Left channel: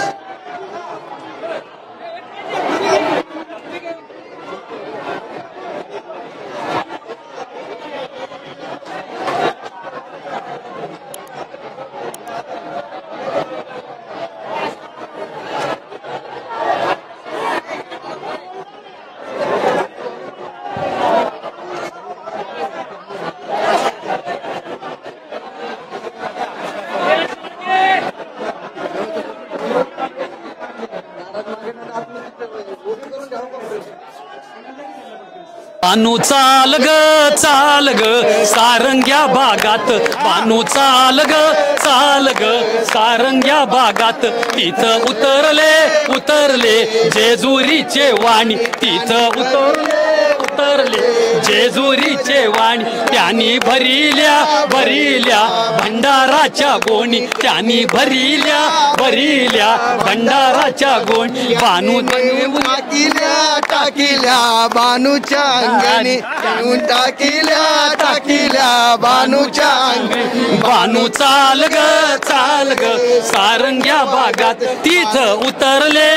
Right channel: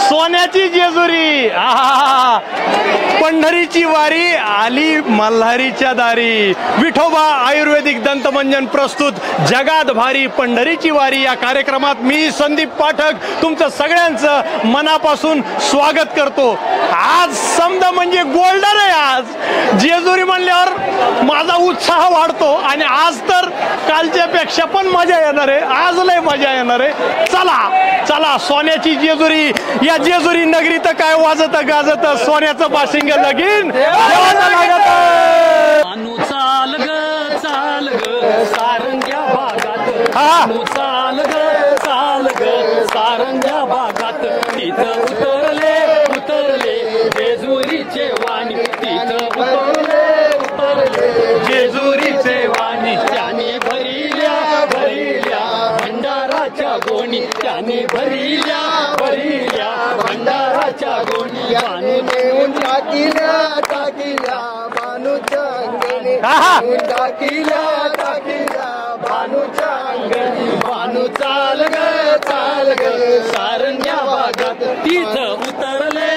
सोन्याची जेजुरी, पंढरीची वारी आली मल्हारीच्या दारी. विठोबा आयुर्वेदिक दंतमंजन प्रस्तुत जगात भारी पंढरीची वारी या कार्यक्रमात मी संदीप पाठक तुमचं सगळ्यांचं मनापासून स्वागत करतो. आज समजा म्हणजे गोल्डन आहे. आज जेजुरी म्हणल्यावर माझा उत्साह वाढतो आणि आज तर कालच्यापेक्षा पण मजा येणार आहे. आज लय मजा येणार आहे. चला चला, सोन्याची जेजुरी, या जेजुरी नगरीत काय वाजत गाजत सोन्याचं बाशिंग लगीन बानू चाल ग सारंग्या बागात, बानू चाल ग सारंग्या बागात. तिथं उतरले जेजुरीचे वाणी, तिथं उतरले जेजुरीचे वाणी. त्यांनी भरिल्या भंडाराच्या गोणी, त्यांनी भरिल्या भंडाराच्या गोणी. बानू टाकिल्या बानूच्या अंगणी, टाकिल्या बानूच्या अंगणी. बानू चाल ग सारंग्या बागात. तिथं उतरले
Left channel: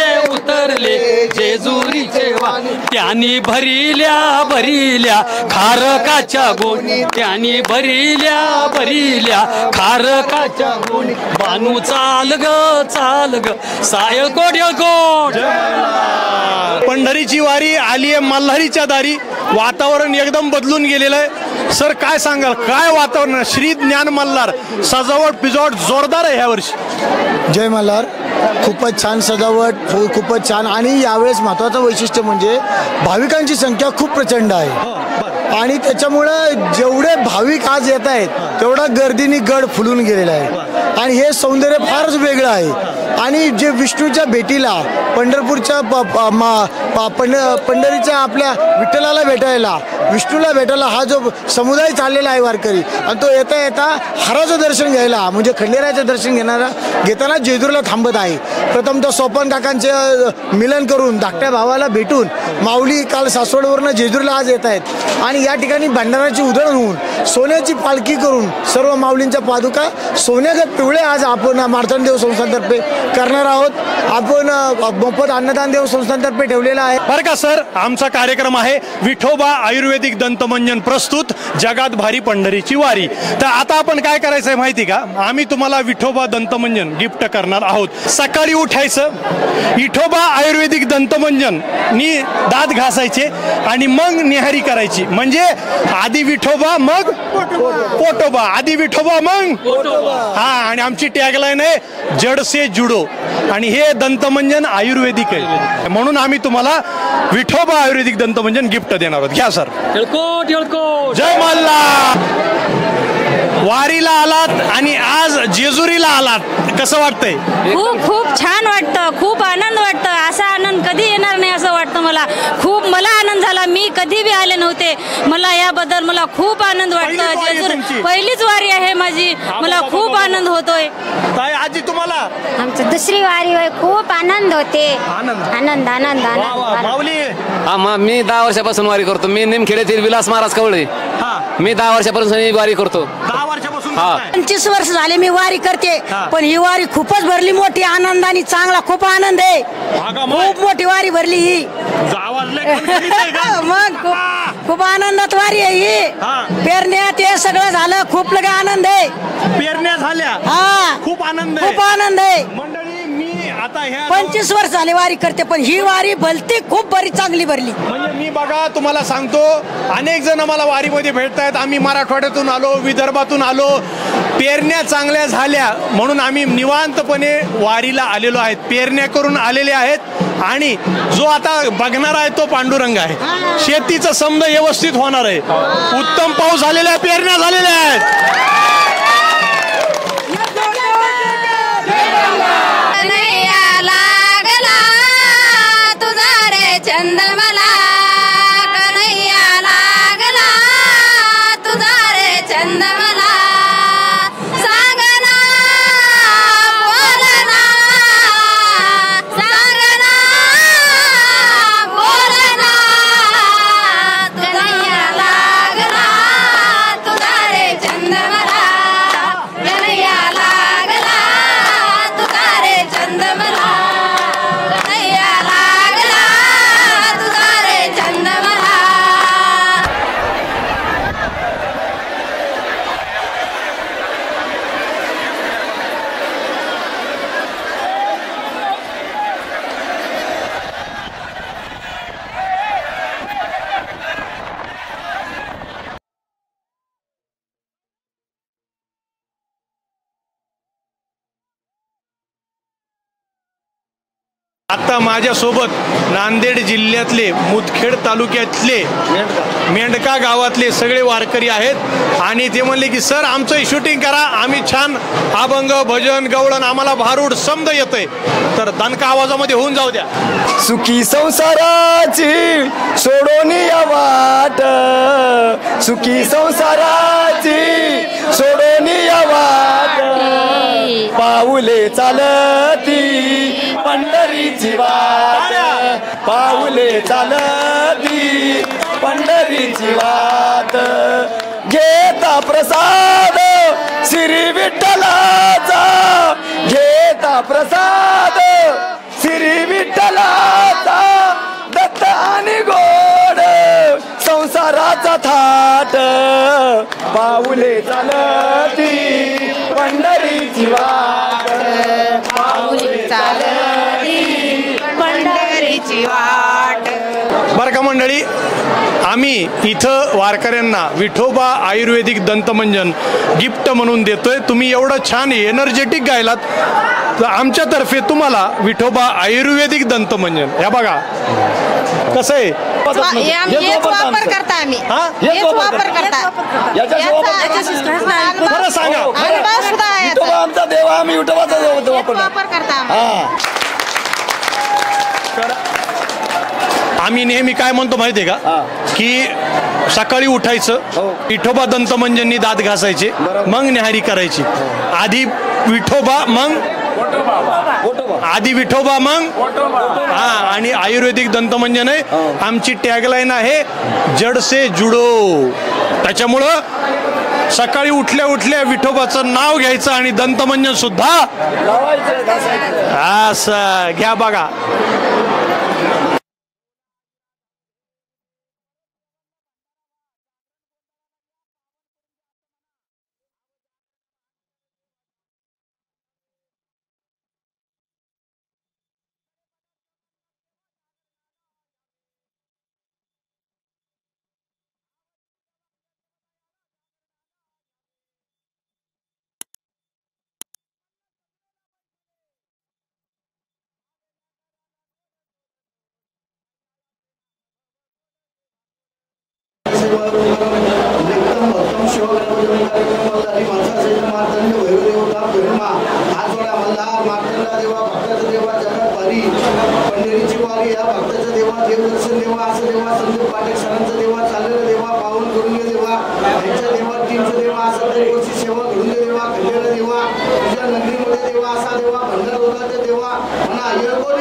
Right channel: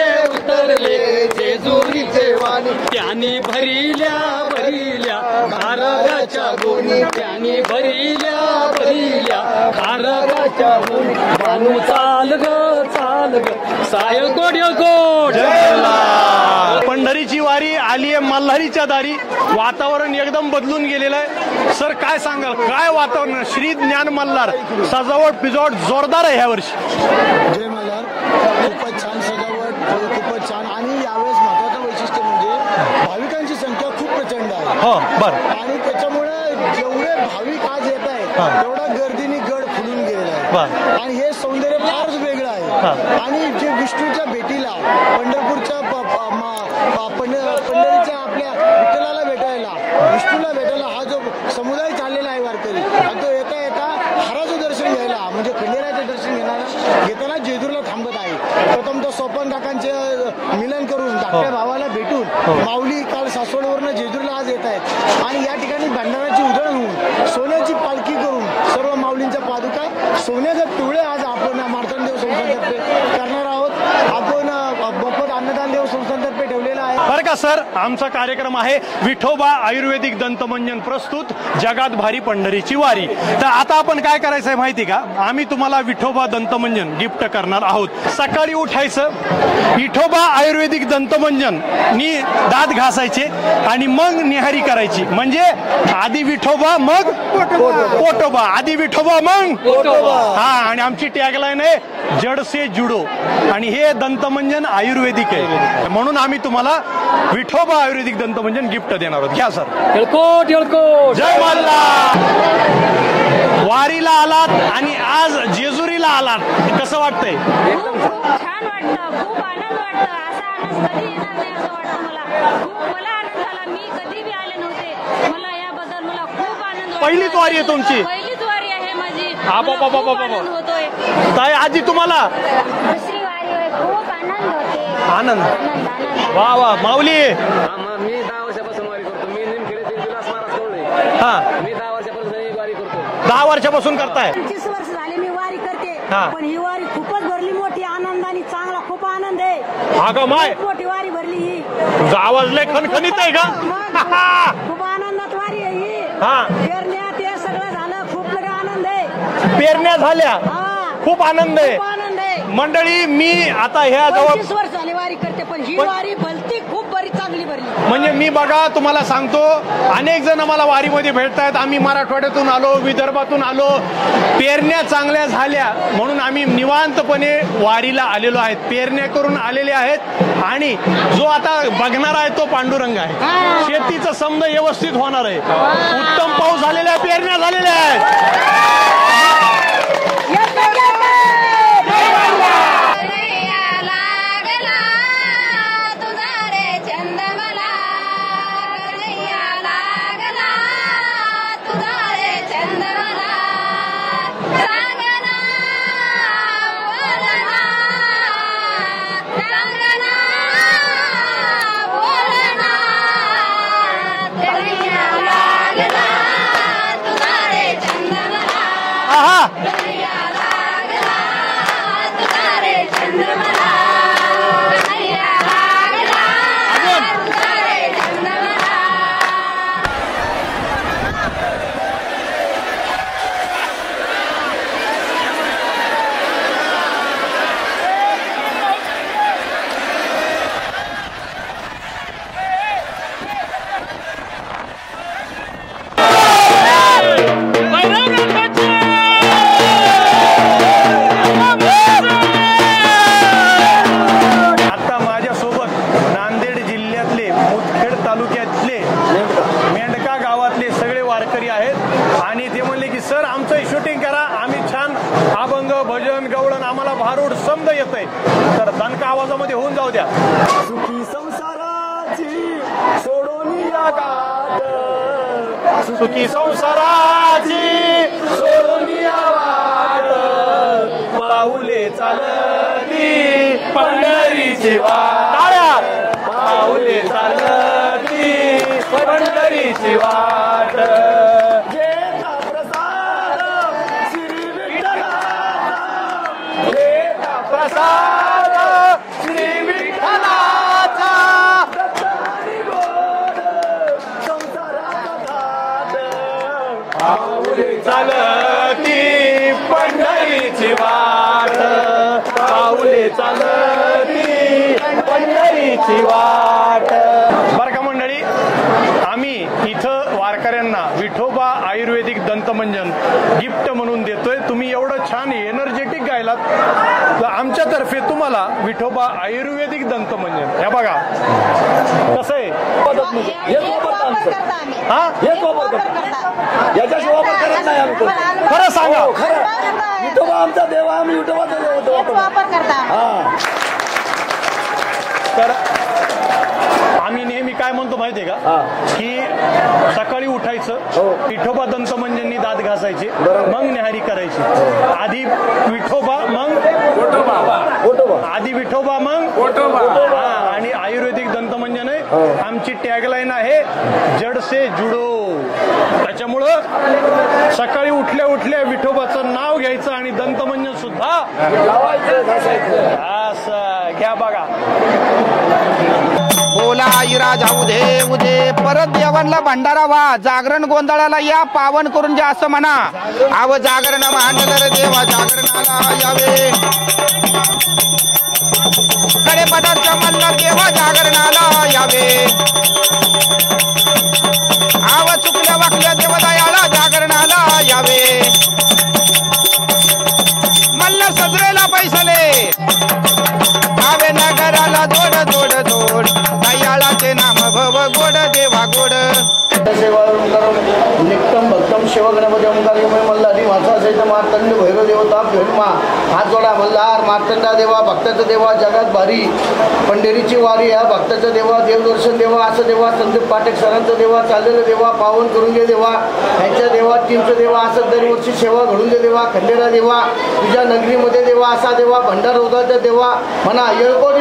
जेजुरीचे वाणी. त्यांनी भरिल्या खारकाच्या गोणी, त्यांनी भरिल्या खारकाच्या गोणी. बानू चाल ग सायकोट यकोट. पंढरीची वारी आली आहे मल्हारीच्या दारी. वातावरण एकदम बदलून गेलेलं आहे. सर काय सांगाल, काय वातावरण? श्री ज्ञान मल्हार सजावट पिजावट जोरदार आहे ह्या वर्षी. जय मल्हार. खूपच छान सजावट, खूपच छान. आणि यावेळेस महत्वाचं वैशिष्ट्य म्हणजे भाविकांची संख्या खूप प्रचंड आहे. आणि त्याच्यामुळे जेवढे भाविक आज येत आहेत तेवढा गर्दीने गड फुलून गेलेला आहे. आणि हे सौंदर्य फारच वेगळं आहे. आणि जे विष्णूच्या भेटीला पंढरपूरच्या पंढरीच्या आपल्या विठ्ठलाला भेटायला, विष्णूला भेटायला हा जो समुदाय चाललेला आहे वारकरी, आणि तो येता येता हराचं दर्शन घ्यायला म्हणजे खंडेरायाचं दर्शन घेताना जेजुरीला थांबत आहे. प्रथमतः सोपान काकांचे मिलन करून धाकट्या भावाला भेटून माऊली काल सासवडवरनं जेजुरीला आज येत आहेत. आणि या ठिकाणी भंडाराची उधळण होऊन सोन्याची पालखी करून सर्व माऊलींच्या पादुका सोन्याच्या पिवळे आज आपण मार्तंड देव संस्थानतर्फे करणार आहोत. आपण मोफत अन्नदान देव संस्थानतर्फे ठेवलेला आहे. बरं का सर, आमचा कार्यक्रम आहे विठोबा आयुर्वेदिक दंतमंजन प्रस्तुत जगात भारी पंढरीची वारी. तर आता आपण काय करायचं आहे माहिती का, आम्ही तुम्हाला विठोबा दंतमंजन गिफ्ट करणार आहोत. सकाळी उठायचं, विठोबा आयुर्वेदिक दंतमंजन नी दात घासायचे आणि मग निहारी करायची. म्हणजे आधी विठोबा मग पोटोबा, आधी विठोबा मग पोटोबा. हा, आणि आमची टॅगलाईन आहे जड से जुडो. आणि हे दंतमंजन आयुर्वेदिक आहे म्हणून आम्ही तुम्हाला विठोबा आयुर्वेदिक दंतमंजन गिफ्ट देणार आहोत. घ्या सर. जय मल्हार. वारीला आलात आणि आज जेजुरीला आलात, कसं वाटतंय? खूप छान वाटतं, खूप आनंद वाटतं. असा आनंद कधी येणार नाही असं वाटतं मला. मला आनंद झाला. मी कधी बी आले नव्हते. मला याबद्दल मला खूप आनंद वाटतो. पहिलीच वारी आहे माझी. मला खूप आनंद होतोय. ताई आजी तुम्हाला? आमची दुसरी वारी होय. खूप आनंद होते. आनंद. वा वा. माऊली? मी 10 वर्षापासून वारी करतो. मी निमखेड्यातील विलास महाराज कवळे. मी 10 वर्षापासून वारी करतो. 10 वर्षापासून करताय? 25 वर्ष झाले मी वारी करते. पण ही वारी खूपच भरली मोठी आनंदाने. चांगला खूप आनंद आहे. खूप मोठी वारी भरली ही. मग खूप आनंदात वारी आहे ही. पेरण्यात हे सगळं झालं. खूप लगे आनंद आहे. पेरण्या झाल्या. खूप आनंद आहे. खूप आनंद आहे. मंडळी मी आता ह्या 25 वर्ष झाले वारी करते, पण ही वारी भलती खूप बरी चांगली भरली. म्हणजे मी बघा तुम्हाला सांगतो, अनेक जण मला वारीमध्ये भेटतायत. आम्ही मराठवाड्यातून आलो, विदर्भातून आलो. पेरण्या चांगल्या झाल्या म्हणून आम्ही निवांतपणे वारीला आलेलो आहेत. पेरण्या करून आलेले आहेत. आणि जो आता बघणार आहे तो पांडुरंग आहे. शेतीचं समज व्यवस्थित होणार आहे. उत्तम पाऊस झालेला आहे, पेरण्या झालेल्या आहेत. चंद्रमला तालुक्यातले मेंढका गावातले सगळे वारकरी आहेत आणि ते म्हणले की सर आमचं शूटिंग करा, आम्ही छान अभंग भजन गवळण आम्हाला भारूड समद येतंय, तर दणका आवाजामध्ये होऊन जाऊ द्या. सुखी संसाराची सोडून या वाट, सुखी संसाराची सोडून या वाट, पाऊले चालती पंढरीची वाट, पाऊले चालती पंढरीची वाट, घेता प्रसाद श्री विठ्ठलाचा, घेता प्रसाद श्री विठ्ठलाचा, दत्त आणि गोड संसाराचा थाट, पाऊले चालती पंढरीची वाट, पाऊले चालती पंढरीची वाट. बरं का मंडळी, आम्ही इथं वारकऱ्यांना विठोबा आयुर्वेदिक दंतमंजन गिफ्ट म्हणून देतोय. तुम्ही एवढं छान एनर्जेटिक गायलात तर आमच्यातर्फे तुम्हाला विठोबा आयुर्वेदिक दंतमंजन, हे बघा कसं आहे. हेच वापर करता आम्ही, हा? हेच वापर करता. खरं सांगा. आमचा देवा, आम्ही विठोबाचा देव हेच वापर करता आम्ही. आम्ही नेहमी काय म्हणतो माहितीये का, की सकाळी उठायचं, विठोबा दंतमंजननी दात घासायचे, मग न्याहारी करायची. आधी विठोबा मग हा, आणि आयुर्वेदिक दंतमंजन आहे. आमची टॅगलाईन आहे जड से जुडो. त्याच्यामुळं सकाळी उठल्या उठल्या विठोबाचं नाव घ्यायचं आणि दंतमंजन सुद्धा असं घ्या बघा. बोला आईरा जाऊ दे उदे, परत देवांना भंडारा वा, जागरण गोंधळाला या पावन करून जे असं म्हणा. आव जागरण मांडलं रे देवा, जागरणाला यावे, कडे पदार्थ म्हणलं देवा, जागरणाला यावे. आव चुकल्या वाकल्या देवा दयाळा, जागरणाला यावे. मल्ल सजरेला पैसले, आवे नगराला जोड जोड जोड, दयाळाचे नाम भव गोड देवा गोड. नित्यम भक्तम शिवगणपती मल्हारी माझा सैन मार्तंड भैरव देवता फिल्मा, हात जोडा मल्हार मार्तंडा देवा, भक्ताचा देवा, जगात भारी पंढरीची वारी, या भक्ताचा देवा, देवदर्शन देवा, असं देवा, संदीप पाठक सरांचा देवा, चाललेलं देवा, पावन करून दे देवा, ह्यांच्या देवा, टीमचं देवा, असं दरवर्षी सेवा घडून दे देवा, खंडेरा देवा, तुझ्या नगरीमध्ये देवा, असा देवा, भंडार होता देवा म्हणा. येळकोट